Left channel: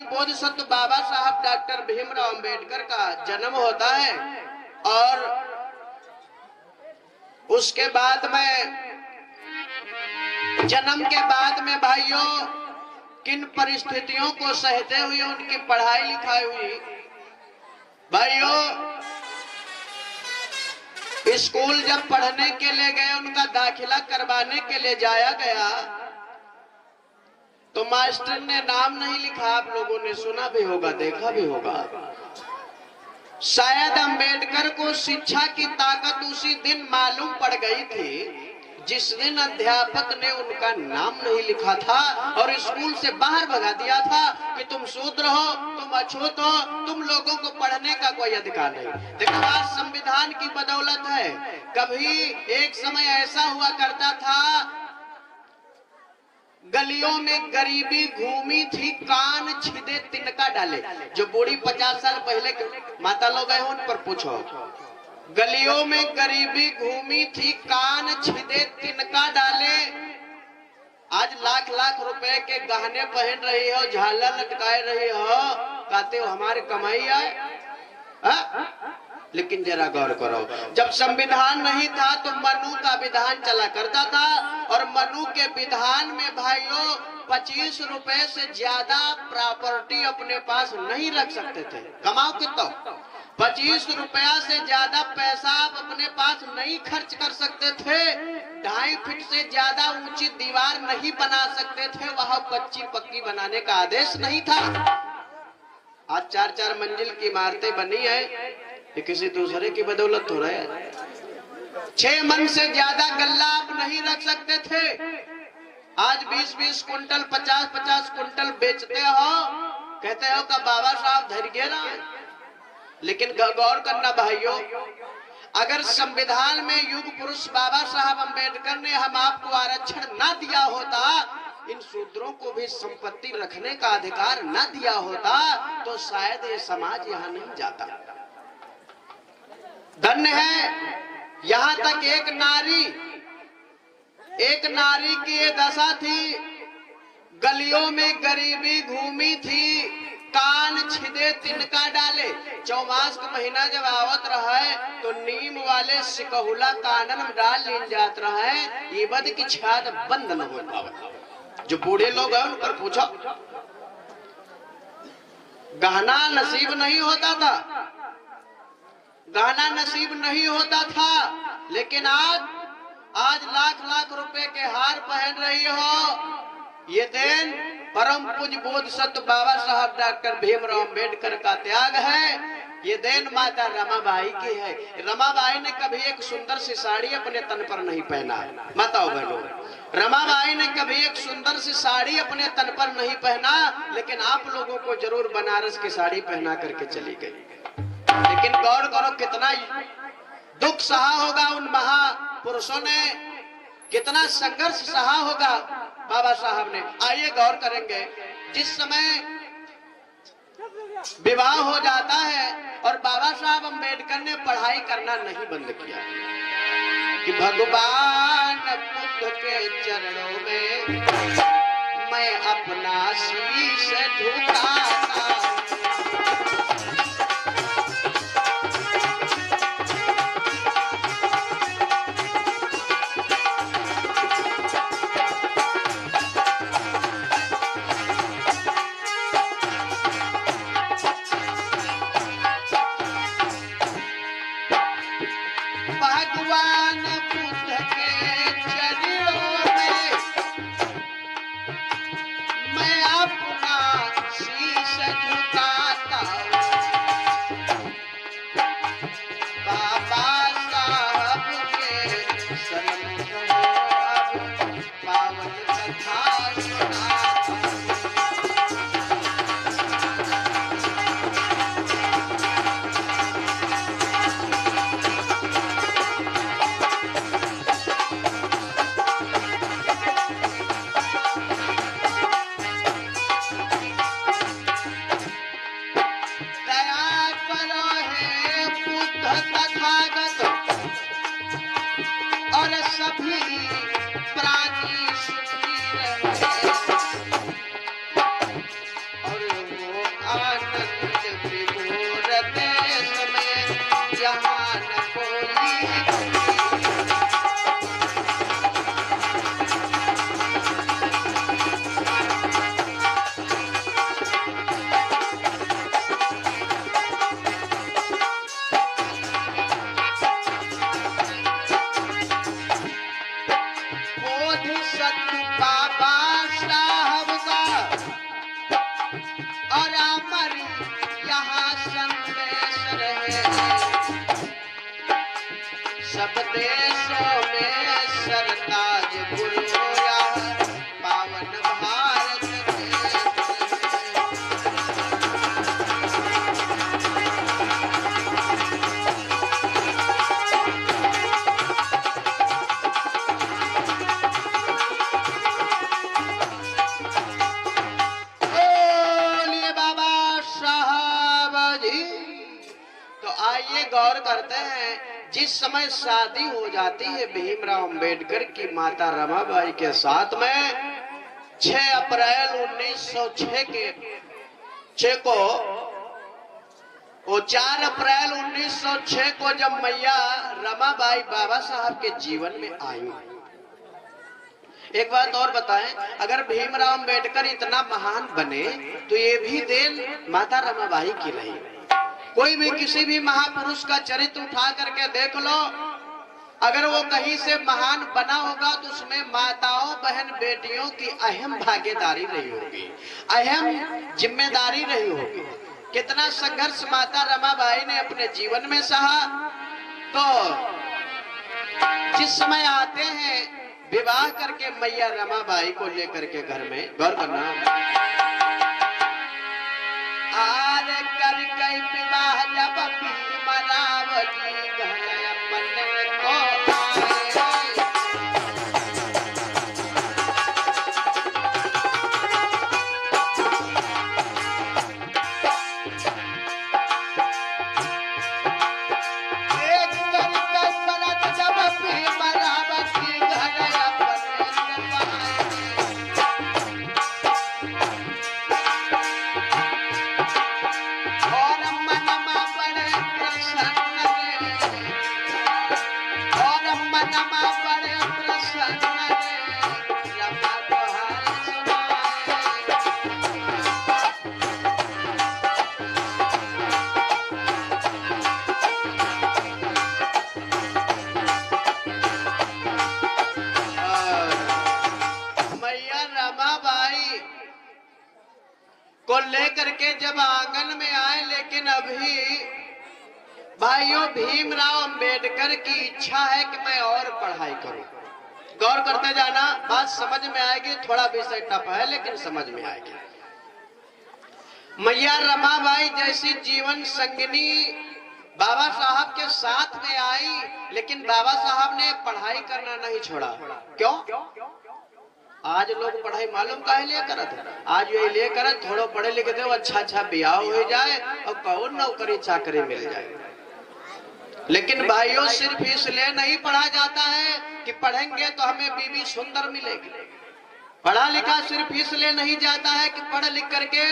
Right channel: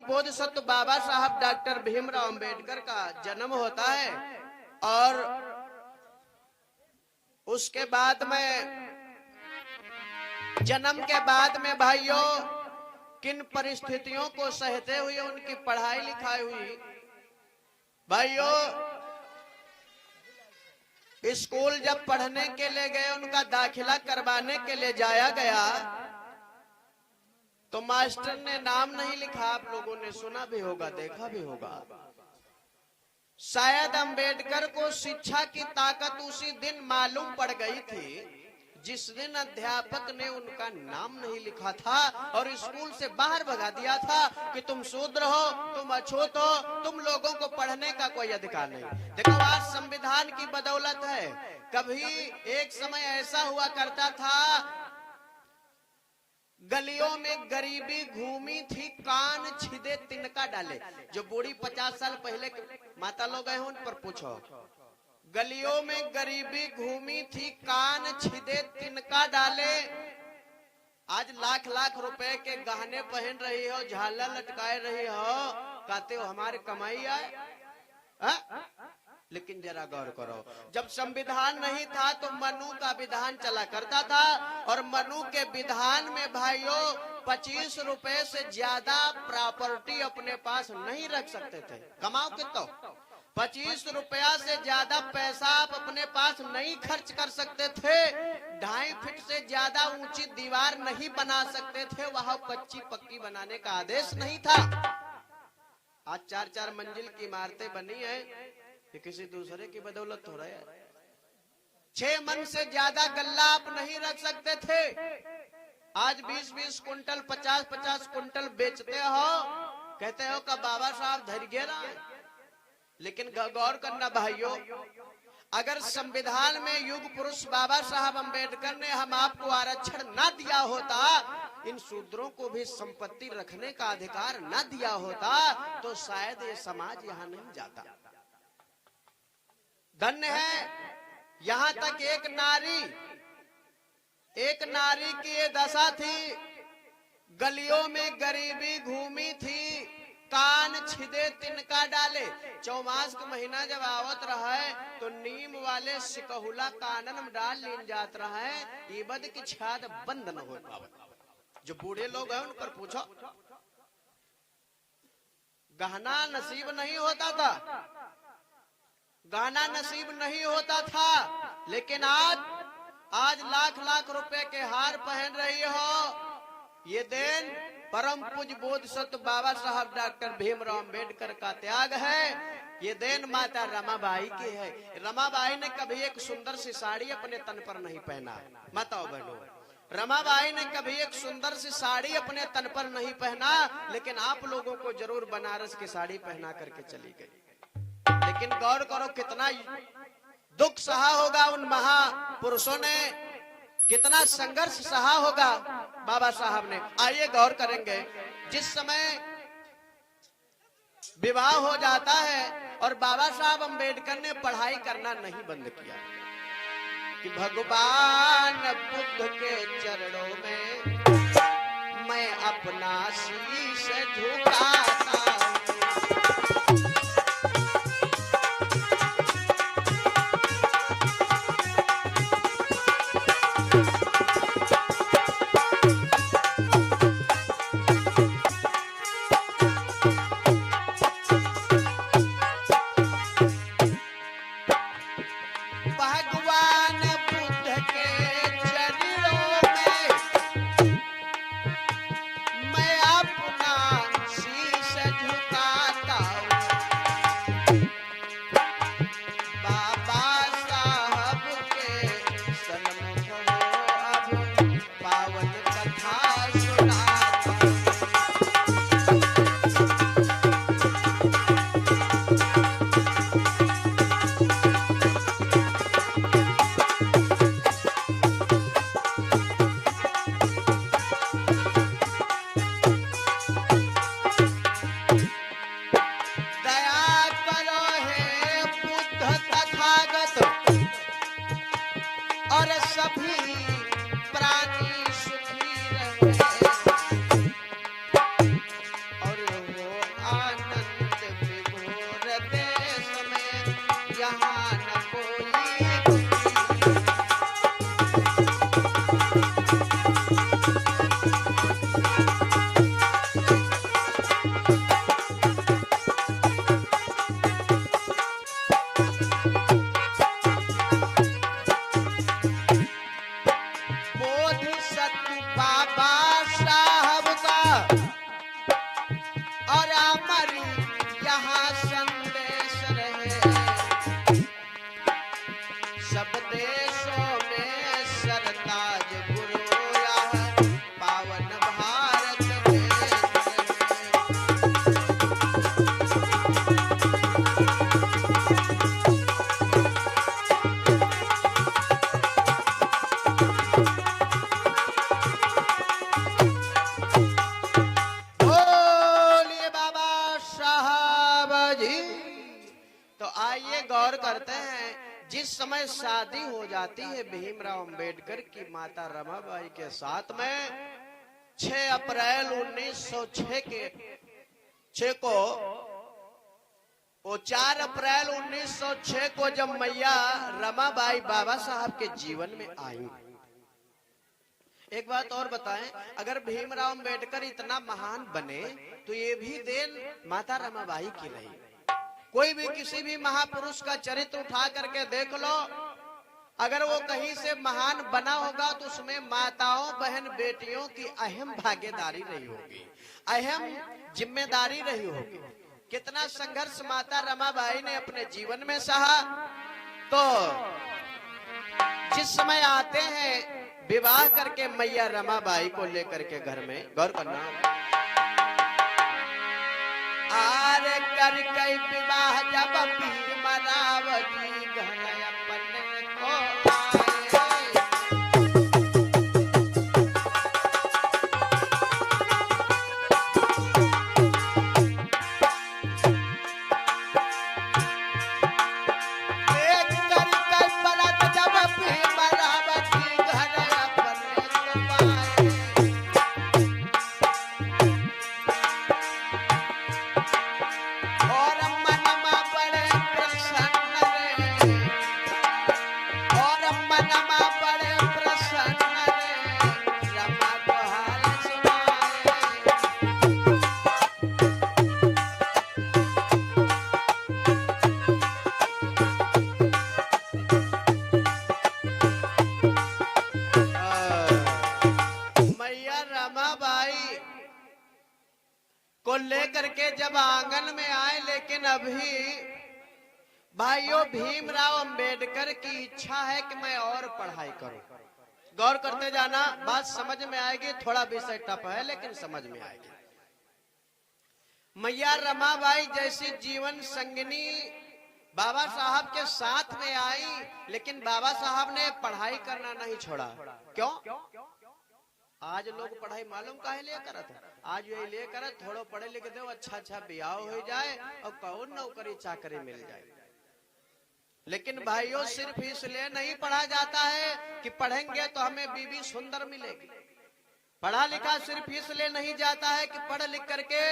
बोधिसत्व बाबा साहब डॉक्टर भीमराव अंबेडकर का जन्म होता है और उसके बाद में जन्म के बाद में भाइयों किन परिस्थितियों को सहते हुए उनकी पढ़ाई लिखाई हुई। भाइयों स्कूल जब पढ़ने के लिए गए, उनका दाखिला करवाने के लिए जाया गया तो मास्टर ने नाम नहीं लिखा। आप लोगों ने सुना भी होगा, देखा भी होगा। शायद अंबेडकर को शिक्षा की ताकत उसी दिन मालूम पड़ गई थी जिस दिन अध्यापक ने उनका नाम नहीं लिखा था और स्कूल से बाहर भगा दिया था कि तुम शूद्र हो, तुम अछूत हो, तुम लोगों को पढ़ने का कोई अधिकार नहीं। लेकिन आज संविधान की बदौलत है। कभी एक समय ऐसा हुआ करता था, गलियों में गरीबी घूमी थी, कान छिदे तिनका डाले। जो बूढ़ी 50 साल पहले माता लोग हैं उन पर पूछो। गलियों में गरीबी घूमी थी, कान छिदे तिनका डाले। आज लाख लाख रुपए के गहने पहन रही हो, झालर लटकाए रही हो, कहते हो हमारी कमाई है। लेकिन जरा गौर करो, जब संविधान नहीं था तो मनु का विधान चला करता था और मनु के विधान में भाइयों 25 रुपए से ज्यादा प्रॉपर्टी अपने पास नहीं रख सकते थे। कमाओ कितना, 25 रुपया से ज्यादा पैसा आप अपने पास नहीं खर्च कर सकते थे। 2.5 फीट से ज्यादा ऊंची दीवार नहीं बना सकते थे। वहां कच्ची पक्की बनाने का आदेश नहीं था। आज 4-4 मंजिल की इमारतें बनी है, ये किसी दूसरे की बदौलत हो रहा है। 6 मन से ज्यादा गल्ला आप नहीं रख सकते थे। आज 20-20 कुंटल 50-50 कुंटल बेचते हो, कहते हो का बाबा साहब धैर्य रहा है। लेकिन गौर करना भाइयों, अगर संविधान में युग पुरुष बाबा साहब अंबेडकर ने हम आपको आरक्षण न दिया होता, इन शूद्रों को भी संपत्ति रखने का अधिकार न दिया होता, तो शायद ये समाज यहाँ नहीं जाता। धन्य है, यहाँ तक एक नारी की ये दशा थी, गलियों में गरीबी घूमी थी, कान छिदे तिनका डाले। चौमास का महीना जब आवत रहा है तो नीम वाले सिकहुला कानन डाल लीन जात रहा है, ये बद की छाद बंद न हो पावे। जो बूढ़े लोग हैं उन पर पूछो, गहना नसीब नहीं होता था, गहना नसीब नहीं होता था। लेकिन आज लाख लाख रुपए के हार पहन रही हो। ये दिन परम पूज्य बोधिसत्व बाबा साहब डॉक्टर भीमराव अंबेडकर का त्याग है। ये दिन माता रमाबाई की है। रमाबाई ने कभी एक सुंदर सी साड़ी अपने तन पर नहीं पहना। बताओ बहनों, रमाबाई ने कभी एक सुंदर सी साड़ी अपने तन पर नहीं पहना, लेकिन आप लोगों को जरूर बनारस की साड़ी पहना करके चली गई। लेकिन गौर करो, कितना दुख सहा होगा उन महापुरुषों ने, कितना संघर्ष सहा होगा बाबा साहब ने। आइए गौर करेंगे, जिस समय विवाह हो जाता है और बाबा साहब अंबेडकर ने पढ़ाई करना नहीं बंद किया कि भगवान बुद्ध के चरणों में मैं अपना शीश झुकाता। और हमारी यहाँ संदेश रहे सब देशों में सरताज गुरुया पावन भारत बोलिए बाबा साहब जी। तो आइए गौर करते हैं, जिस समय शादी हो जाती है भीमराव अंबेडकर की माता रमाबाई के साथ में 6 अप्रैल 1906 के 6 को वो 4 अप्रैल 1906 को जब मैया रमाबाई बाबा साहब के जीवन में आई। एक बात और बताएं, अगर भीमराव अंबेडकर इतना महान बने तो ये भी देन माता रमाबाई की रही। कोई भी किसी भी महापुरुष का चरित्र उठा करके देख लो, अगर वो कहीं से महान बना होगा तो उसमें माताओं बहन बेटियों की अहम भागीदारी रही होगी, अहम जिम्मेदारी रही होगी। कितना संघर्ष माता रमाबाई ने अपने जीवन में सहा। तो जिस समय आते हैं विवाह करके मैया रमाबाई को लेकर के घर में, गौर करना, आर कर कई विवाह जब भीमरावती घर अपन को लेकर के जब आंगन में आए, लेकिन अभी भाइयों भीमराव अंबेडकर की इच्छा है कि मैं और पढ़ाई करूं। गौर करते जाना, बात समझ में आएगी। थोड़ा विषय टफ है लेकिन समझ में आएगी। मैया रमाबाई जैसी जीवन संगिनी बाबा साहब के साथ में आई, लेकिन बाबा साहब ने पढ़ाई करना नहीं छोड़ा। क्यों? आज लोग पढ़ाई मालूम काहे लिए करत है? आज ये लिए करत थोड़ो पढ़े लिखे दे, अच्छा ब्याह हो जाए और कौन नौकरी चाकरी मिल जाए। लेकिन भाइयों सिर्फ इसलिए नहीं पढ़ा जाता है कि पढ़ेंगे तो हमें बीवी सुंदर मिलेगी। पढ़ा लिखा सिर्फ इसलिए नहीं जाता है कि पढ़ लिख करके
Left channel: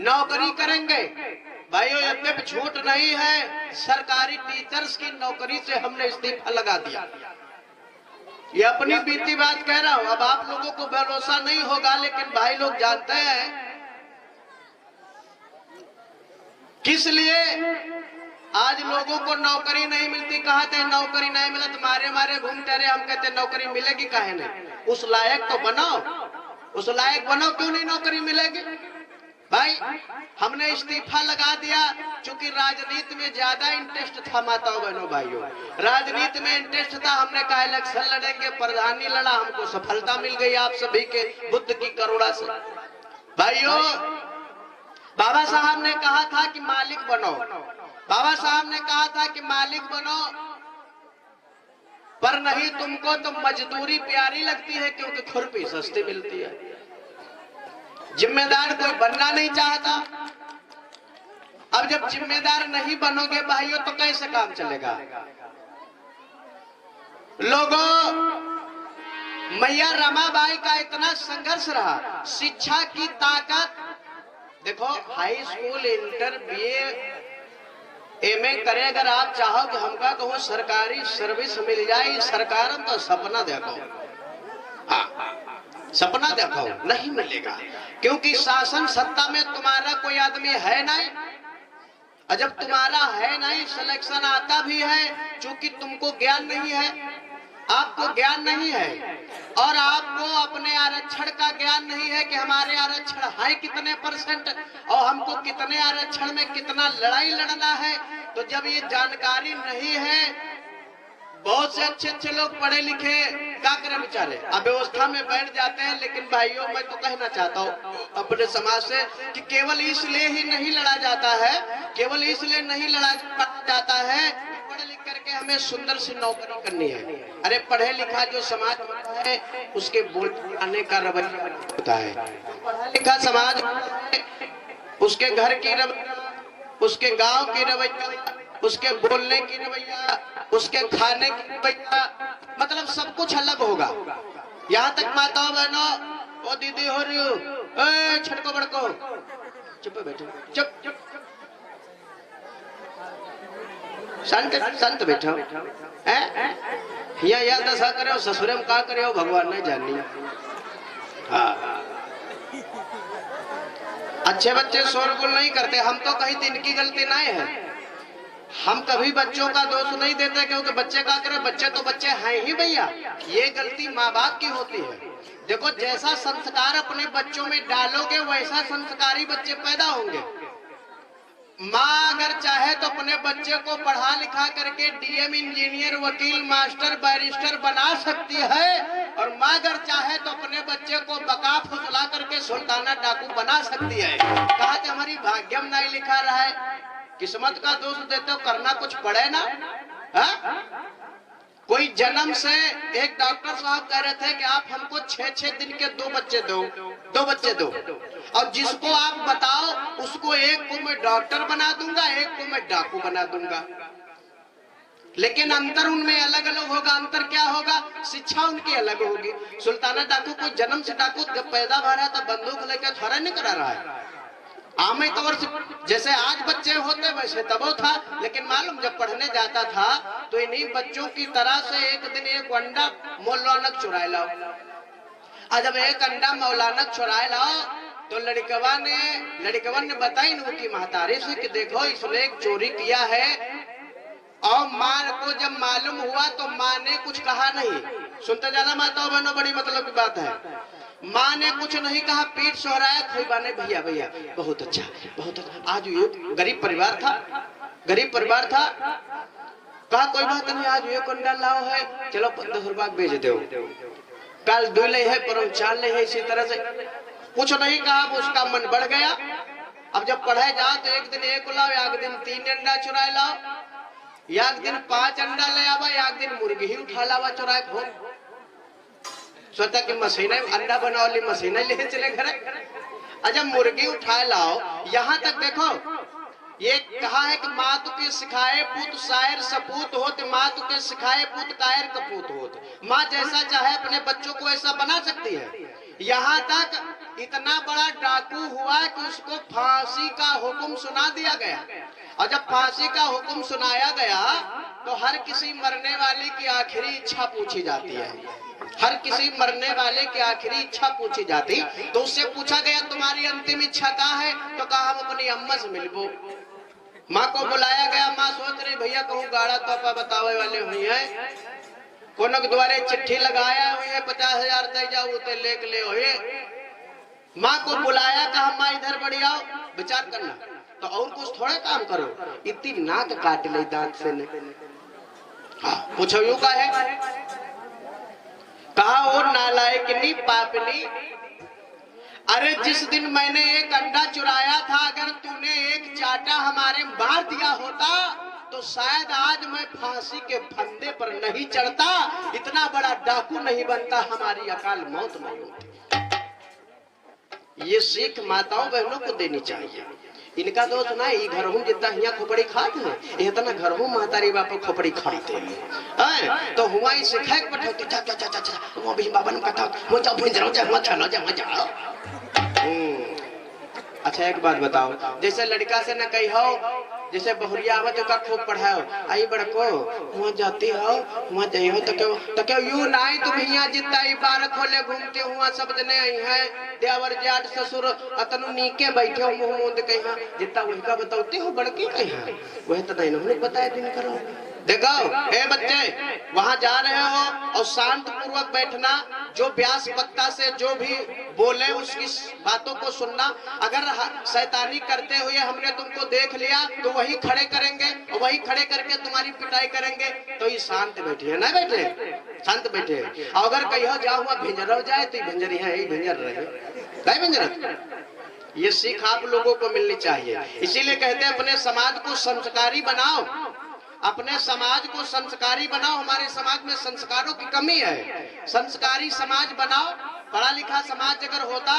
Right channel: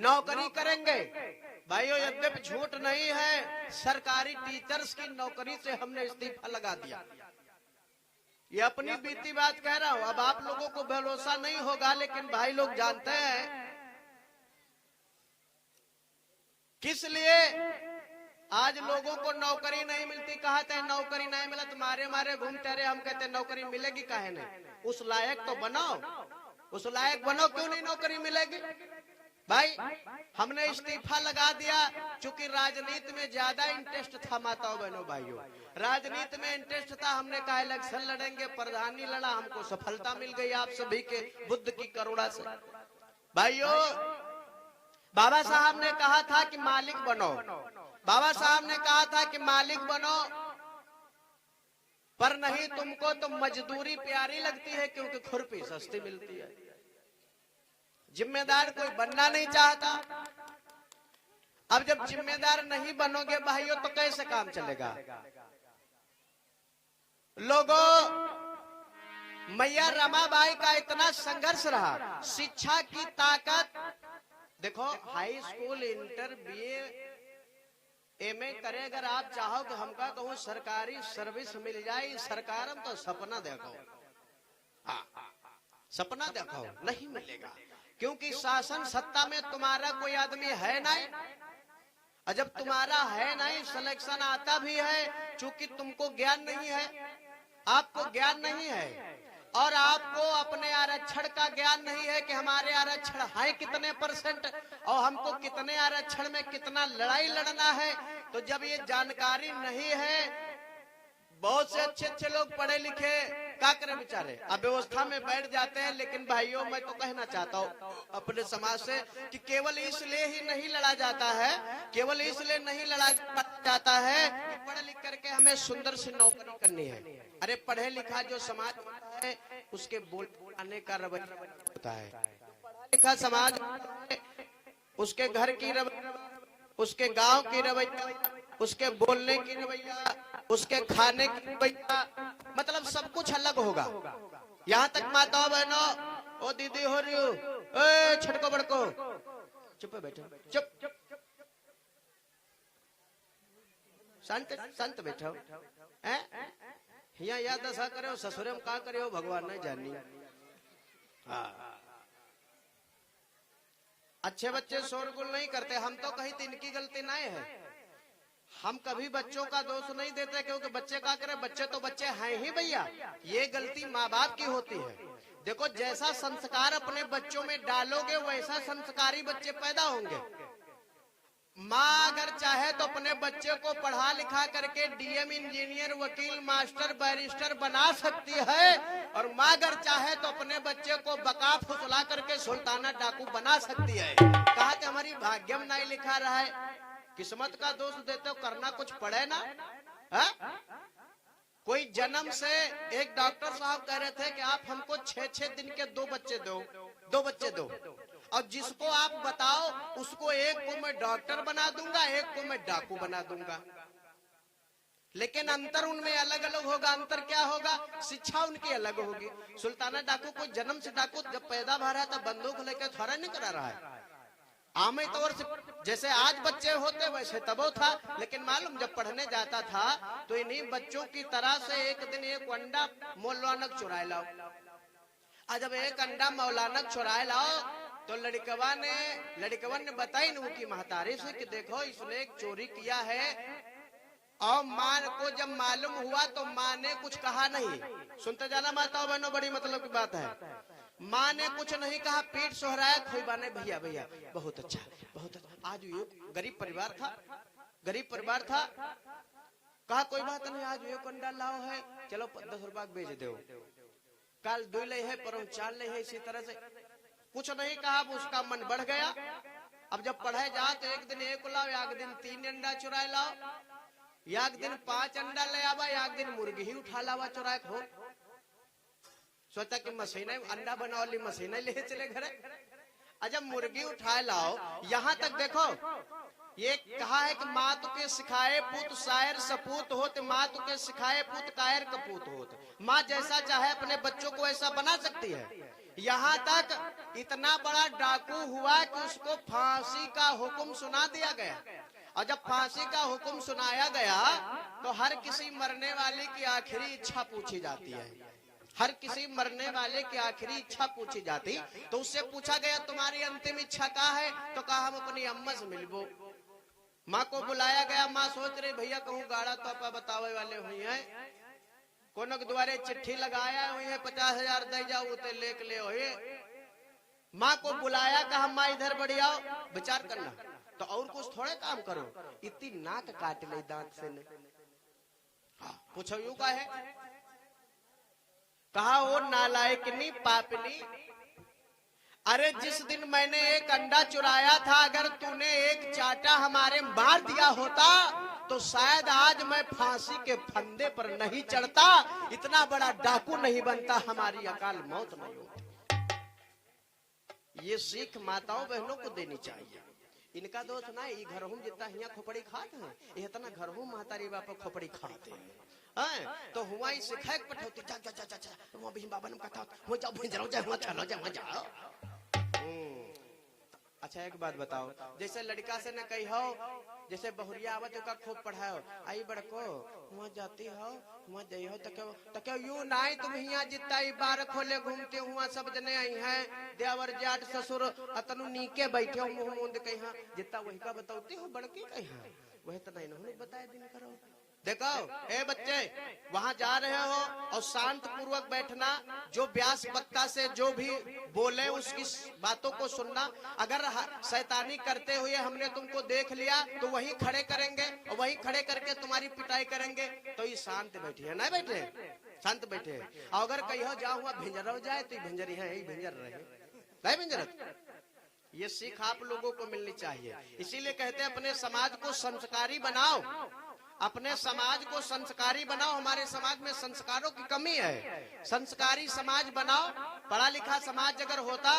नौकरी करेंगे। भाइयों यद्यपि झूठ नहीं है, सरकारी टीचर्स की नौकरी से हमने इस्तीफा लगा दिया। ये अपनी बीती बात कह रहा हूं। अब आप लोगों को भरोसा नहीं होगा, लेकिन भाई लोग जानते हैं किस लिए आज लोगों को नौकरी नहीं मिलती। कहा थे नौकरी नहीं मिला तो मारे मारे घूमते रहे। हम कहते नौकरी मिलेगी काहे नहीं? उस लायक तो बनाओ, उस लायक बनो, क्यों नहीं नौकरी मिलेगी? भाई हमने इस्तीफा लगा दिया क्योंकि राजनीति में ज्यादा इंटरेस्ट था। माताओं बहनों भाइयों, राजनीति में इंटरेस्ट था। हमने कहा इलेक्शन लड़ेंगे, प्रधानी लड़ा, हमको सफलता मिल गई आप सभी के बुद्ध की करुणा से। भाइयों बाबा साहब ने कहा था कि मालिक बनो, बाबा साहब ने कहा था कि मालिक बनो, पर नहीं तुमको तो मजदूरी प्यारी लगती है क्योंकि खुरपी सस्ती मिलती है। जिम्मेदार कोई बनना नहीं चाहता। अब जब जिम्मेदार नहीं बनोगे भाइयों तो कैसे काम चलेगा? लोगों, मैया रमाबाई का इतना संघर्ष रहा। शिक्षा की ताकत देखो, high school, inter, BA, MA करे अगर आप चाहो कि हमका कहूँ सरकारी सर्विस मिल जाए, सरकार तो सपना देखो। हाँ, सपना देखो, नहीं मिलेगा क्योंकि शासन सत्ता में तुम्हारा कोई आदमी है नहीं। और जब तुम्हारा है नहीं, सिलेक्शन आता भी है, चूंकि तुमको ज्ञान नहीं है, आपको ज्ञान नहीं है, और आपको अपने आरक्षण का ज्ञान नहीं है कि हमारे आरक्षण है कितने परसेंट और हमको कितने आरक्षण में कितना लड़ाई लड़ना है। तो जब ये जानकारी नहीं है, बहुत से अच्छे अच्छे लोग पढ़े लिखे क्या करें बेचारे अव्यवस्था में बैठ जाते हैं। लेकिन भाइयों, मैं तो कहना चाहता हूँ अपने समाज से कि केवल इसलिए ही नहीं लड़ा जाता है, केवल इसलिए नहीं लड़ा जाता है पढ़े लिख करके हमें सुंदर सी नौकरी करनी है। अरे पढ़े लिखा जो समाज है उसके बोलने का रवैया होता है। पढ़ा लिखा समाज उसके घर की रवैया, उसके गांव की रवैया, उसके बोलने की रवैया, उसके खाने की रवैया, मतलब सब कुछ अलग होगा। यहाँ तक माताओं बहनों, ओ दीदी हो रही हो, छिड़को बड़को, चुप बैठो, चुप संत बैठो है। यहाँ दशा करे ससुरे में का करे भगवान नहीं जाननी। हाँ, अच्छे बच्चे शोरगुल नहीं करते। हम तो कहीं तो इनकी गलती नहीं है, हम कभी बच्चों का दोष नहीं देते क्योंकि बच्चे का करे, बच्चे तो बच्चे हैं ही भैया। ये गलती माँ बाप की होती है। देखो, जैसा संस्कार अपने बच्चों में डालोगे वैसा संस्कारी बच्चे पैदा होंगे। माँ अगर चाहे तो अपने बच्चे को पढ़ा लिखा करके डीएम, इंजीनियर, वकील, मास्टर, बैरिस्टर बना सकती है, और माँ अगर चाहे तो अपने बच्चे को बका फुसला करके सुल्ताना डाकू बना सकती है। कहा कि हमारी भाग्य में नहीं लिखा रहा है, किस्मत का दोष देते हो, करना कुछ पड़े ना। हा? कोई जन्म से एक डॉक्टर साहब कह रहे थे कि आप हमको 6-6 दिन के 2 बच्चे दो, और जिसको आप बताओ उसको एक को मैं डॉक्टर बना दूंगा, एक को मैं डाकू बना दूंगा। लेकिन अंतर उनमें अलग अलग होगा। अंतर क्या होगा? शिक्षा उनकी अलग होगी। सुल्ताना डाकू कोई जन्म से डाकू जब पैदा हो रहा था बंदूक लेकर थोड़ा नहीं करा रहा है। आम तौर से जैसे आज बच्चे होते वैसे तब वो था। लेकिन मालूम जब पढ़ने जाता था तो इन्हीं बच्चों की तरह से एक दिन एक अंडा मौलाना चुराए लाओ, और जब एक अंडा मौलाना चुराए लाओ तो लड़कवन ने बताई उनकी महतारी से कि देखो इसने एक चोरी किया है। और माँ को जब मालूम हुआ तो माँ ने कुछ कहा नहीं। सुनते जाना माताओं बहनों, बड़ी मतलब की बात है। माँ ने कुछ नहीं कहा, पीठ सोहराया, खोईबा ने भैया भैया बहुत अच्छा, बहुत अच्छा। आज ये गरीब परिवार था, कहा कोई बात नहीं, आज ये कंडा लाओ है, चलो 10 रुपया बेच दो, कल 2 ले है, परम 4 ले है। इसी तरह से कुछ नहीं कहा, उसका मन बढ़ गया। अब जब पढ़े जाओ तो एक दिन 1 लाओ, एक दिन 3 अंडा चुराए लाओ, एक दिन 5 अंडा ले आवा, एक दिन मुर्गी ही उठा लावा चुराए खो। सोचा कि मशीनें अंडा बनाओ, मशीनें ले चले घर। अच्छा, मुर्गी उठाए लाओ। यहाँ तक देखो, ये कहा है कि मातु के सिखाए पुत शायर सपूत होत, मातु के सिखाए पुत कायर कपूत होत। माँ जैसा चाहे अपने बच्चों को ऐसा बना सकती है। यहाँ तक इतना बड़ा डाकू हुआ कि उसको फांसी का हुक्म सुना दिया गया। और जब फांसी का हुक्म सुनाया गया तो हर किसी मरने वाले की आखिरी इच्छा पूछी जाती है। हर किसी मरने वाले की आखिरी इच्छा पूछी जाती। तो उससे पूछा गया तुम्हारी अंतिम इच्छा क्या है? तो कहा हम अपनी अम्मा से मिलबो। माँ को बुलाया गया। माँ सोच रही भैया कहूँ गाड़ा पापा बतावे वाले हुई है, कोनो के द्वारे चिट्ठी लगाया हुई है, 50,000 दे जाओ उते लेके ले हुए। माँ को बुलाया, कहा माँ इधर बढ़ आओ, विचार करना। तो और कुछ थोड़ा काम करो, इतनी नाक काट ले दांत से ने। हाँ, पूछो यू का है? कहा वो नालायकिनी पापनी, अरे जिस दिन मैंने एक अंडा चुराया था, अगर तूने एक चाटा हमारे मार दिया होता तो शायद आज मैं फांसी के फंदे पर नहीं चढ़ता, इतना बड़ा डाकू नहीं बनता, हमारी अकाल मौत नहीं होती। ये सीख माताओं बहनों को देनी चाहिए। इनका दोस्त ना ही घर हूँ जितना हिया खोपड़ी खाते हैं, इतना घर हूँ महतारी बापू खोपड़ी खाते हैं। तो हुआ ही सिखाए पठौती चा चा चा चा चा वो भी बाबन पठौ मुझे अपनी जरूर जमा चलो जमा जाओ। अच्छा एक बात बताओ, जैसे लड़का से न कही हो जैसे बहुरिया आवत ओका खूब पढ़ाओ, आई बड़को वहाँ जाती हो वहाँ जाइ हो तो क्यों यू नहीं तुम यहाँ जितना इबारत खोले घूमते हुआ सब जने आई है देवर जाट ससुर अतनु नीके बैठे हो मुंह मुंद कहीं जितना उनका बताते हो बड़की कहीं वह तो नहीं उन्हें बताया दिन करो। देखो हे बच्चे वहाँ जा रहे हो और शांत पूर्वक बैठना, जो व्यास वक्ता से जो भी बोले उसकी बातों को सुनना। अगर शैतानी करते हुए हमने तुमको देख लिया तो वही खड़े करेंगे और वही खड़े करके तुम्हारी पिटाई करेंगे, तो ये शांत बैठे है ना बैठे शांत बैठे। अगर कहीं जाओ हुआ भिंजर जाए तो भिंजर यहाँ यही भिंजर रहे भिंजर। ये सीख आप लोगों को मिलनी चाहिए। इसीलिए कहते हैं अपने समाज को संस्कारी बनाओ, अपने समाज को संस्कारी बनाओ। हमारे समाज में संस्कारों की कमी है, संस्कारी समाज बनाओ। पढ़ा लिखा समाज अगर होता,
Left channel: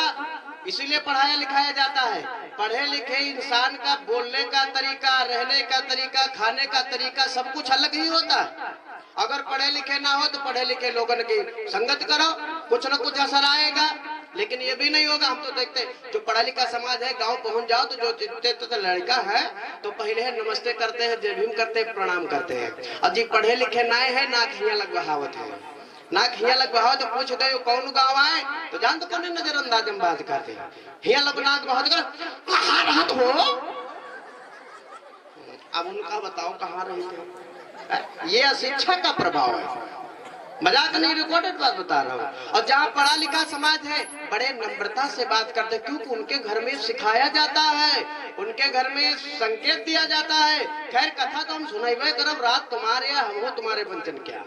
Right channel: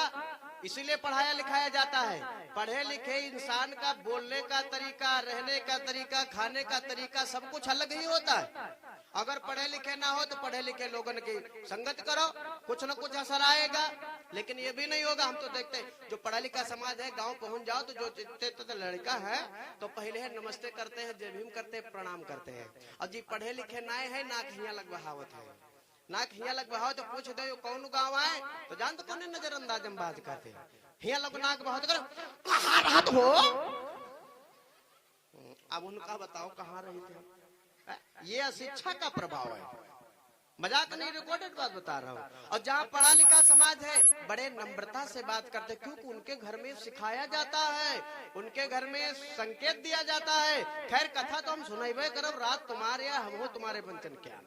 इसीलिए पढ़ाया लिखाया जाता है। पढ़े लिखे इंसान का बोलने का तरीका, रहने का तरीका, खाने का तरीका सब कुछ अलग ही होता है। अगर पढ़े लिखे ना हो तो पढ़े लिखे लोगों की संगत करो, कुछ न कुछ असर आएगा। लेकिन ये भी नहीं होगा। हम तो देखते हैं जो पढ़ा लिखा समाज है, गांव पहुंच जाओ तो जो जितने तो लड़का है तो पहले नमस्ते करते हैं, जय भीम करते हैं, प्रणाम करते हैं। और जी पढ़े लिखे नाए है नाक हिया लगवावत है, नाक हिया लगवाओ तो पूछ गए कौन गाँव आए तो जान तो कौन नजरअंदाज हम बात करते हैं। हिया लगना हो अब उनका बताओ कहाँ रही थे। ये अशिक्षा का प्रभाव है, मजाक नहीं, रिकॉर्डेड बात बता रहा हूँ। और जहाँ पढ़ा लिखा समाज है बड़े नम्रता से बात करते, क्योंकि उनके घर में सिखाया जाता है, उनके घर में संकेत दिया जाता है। खैर कथा तो हम सुनाइबे करब, रात तुम्हारे या हम तुम्हारे बंधन क्या।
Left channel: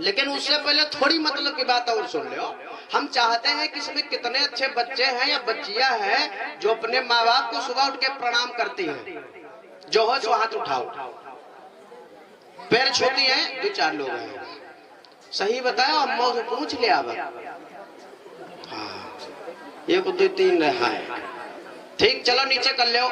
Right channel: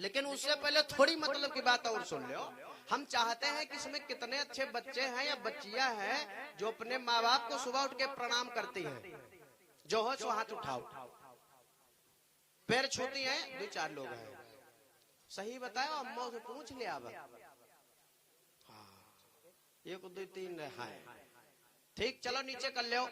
लेकिन उससे पहले थोड़ी मतलब की बात और सुन लो। हम चाहते हैं कि इसमें कितने अच्छे बच्चे हैं या बच्चियां हैं जो अपने माँ बाप को सुबह उठ के प्रणाम करती हैं। जो हो सो हाथ उठाओ, पैर छूती है, दो चार लोग हैं। सही बताओ, अम्मा से पूछ लिया। अब हाँ, एक दो तीन है, ठीक चलो नीचे कर लो।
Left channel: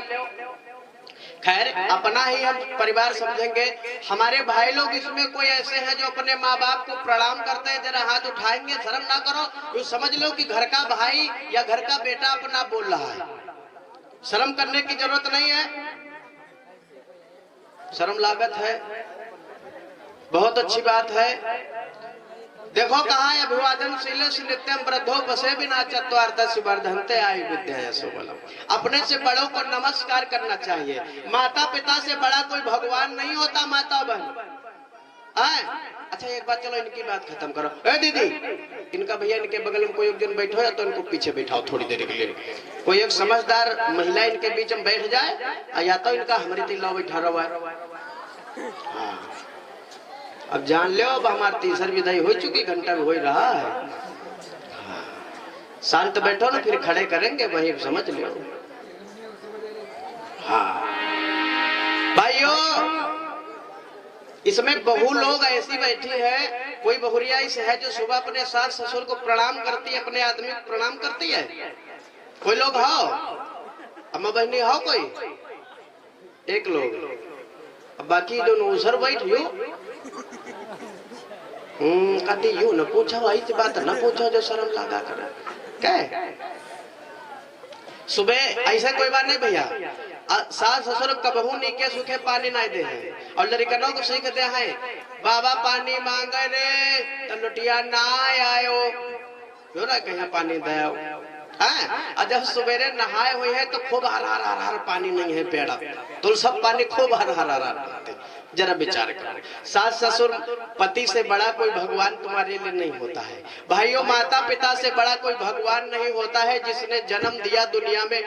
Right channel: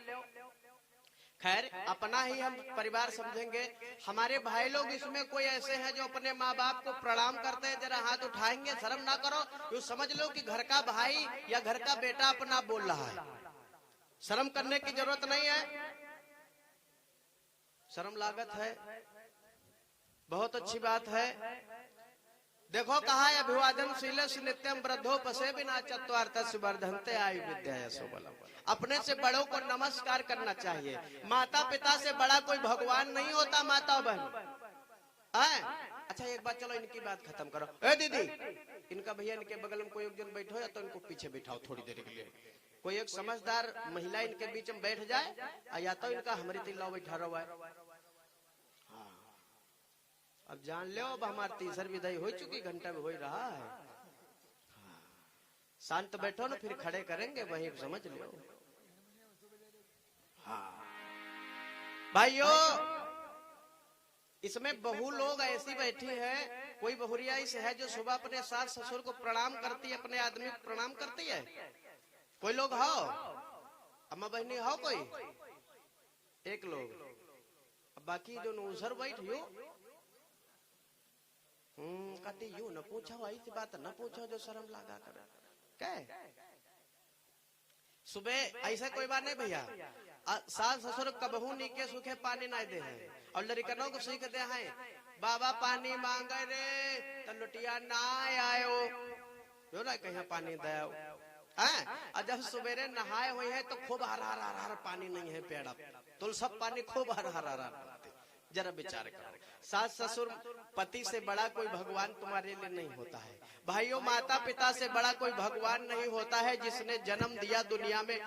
खैर अपना ही हम परिवार समझेंगे। हमारे भाई लोग इसमें कोई ऐसे हैं जो अपने माँ बाप को प्रणाम करते हैं, जरा हाथ उठाएंगे, शर्म ना करो। तो समझ लो कि घर का भाई या घर का बेटा अपना बोल रहा है, शर्म करने की जरूरत नहीं है। शर्म लागत है, बहुत अच्छी बात है। देखो कहा है अभिवादन शील नित्यम वृद्धो बसे बिना चत्वार्थ शिवर्धनते आयु विद्या सोबलम। अपने से बड़ों को नमस्कार करना चाहिए। माता पिता से बड़ा कोई भगवान नहीं होता, माता बहन। अच्छा एक बात, चलो इनकी बात खत्म करो। ए दीदी, इनका भैया इनके बगल में कोई एक दिन बैठो या तो इनको पीछे बैठाओ थोड़ी देर के लिए। कोई एक समझदार महिला इनके बीच में बैठ जाए, या तो इनका हमारे दिल बैठा रहा है। अब जान लो, अब हमारी तीसरी विदाई हो चुकी, घंटा हो रहा है। शांत बैठो ना, फिर खड़े करेंगे वही समझ लो। हाँ भाइयों, इसमें बहु लोग ऐसी बैठी है, कोई बहुरिया इस है जो सुबह अपने सास ससुर को प्रणाम करती है, अपने आदमी को प्रणाम करती है। कोई लोग हो, अम्मा बहनी हो कोई एक लोग, अब बाकी जो नौसर बैठियो कति यू न पूछो, ऐसी बात न पूछो जो शर्म लगा कर। क्या सुबह ऐसा कोई बात नहीं भैया, सास ससुर कबहू नीके सूखे पानी नहीं दे हैं। और लड़कनों को सीख दे हैं, बाबा पानी मांगे रे तो लुटिया ना आयो, कहीं पानी दे। जब सवेरे नहाए हुए हैं तो खूब हर हर हर हर पानी नहीं है पेड़ा, तो सब पानी खूब हर हर हर। जरा विचार कर, सास ससुर पति से बड़ा कोई भगवान तुम्हारे लिए नहीं होता है। भाइयों, माता पिता से बड़ा कोई भगवान नहीं होता है जिसने जन्म दिया दुनिया में,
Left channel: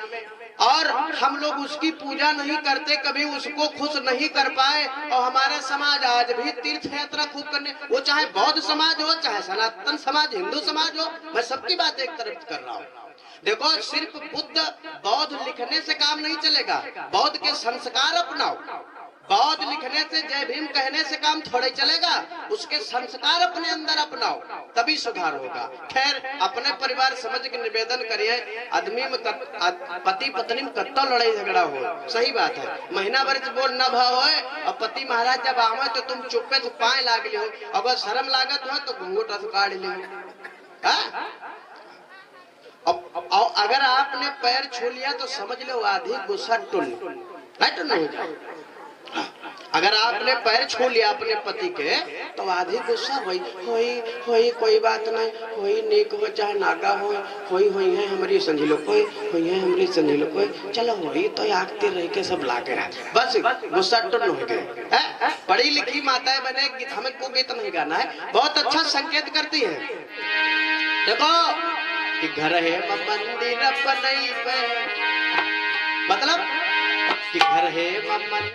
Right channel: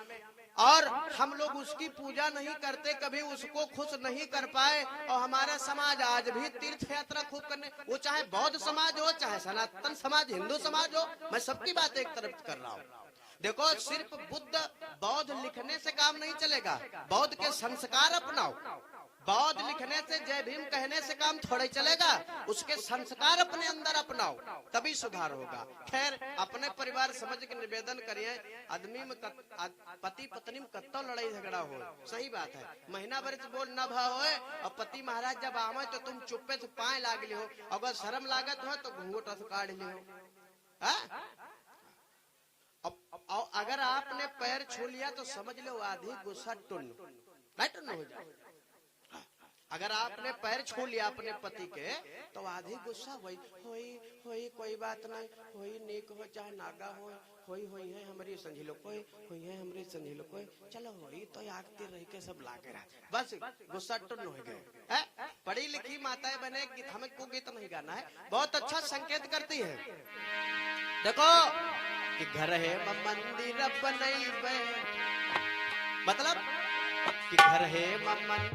और हम लोग उसकी पूजा नहीं करते, कभी उसको खुश नहीं कर पाए। और हमारा समाज आज भी तीर्थ यात्रा खूब करने, वो चाहे बौद्ध समाज हो, चाहे सनातन समाज, हिंदू समाज हो, मैं सबकी बात एक तरफ कर रहा हूँ। देखो सिर्फ बुद्ध बौद्ध लिखने से काम नहीं चलेगा, बौद्ध के संस्कार अपनाओ। बौद्ध लिखने से, जय भीम कहने से काम थोड़े चलेगा, उसके संस्कार अपने अंदर अपनाओ, तभी सुधार होगा। खैर अपने परिवार समझ के निवेदन करिए, आदमी में पति पत्नी में कत्तो लड़ाई झगड़ा हो, सही बात है, महीना भर बोल न भाव हो। और पति महाराज जब आवे तो तुम चुप्पे तो पाए लाग लो, अगर शर्म लागत हो तो घूंघट काट लो। अगर आपने पैर छू लिया तो समझ लो आधी गुस्सा टुल, है तो नहीं हो जाए। अगर आपने पैर छू लिया अपने पति के तो आधी गुस्सा होई होई होई, कोई बात नहीं होई, नीक हो चाहे नागा होई है हमारी समझ लो, कोई होई है हमारी समझ लो, कोई चलो होई तो आगते रह के सब लाके रहे, बस गुस्सा टुन हो गए। पढ़ी लिखी माताएं बने गीत, हमें को गीत नहीं गाना है, बहुत अच्छा संकेत करती है। देखो कि घर है मंदिर बनई पे, मतलब कि घर है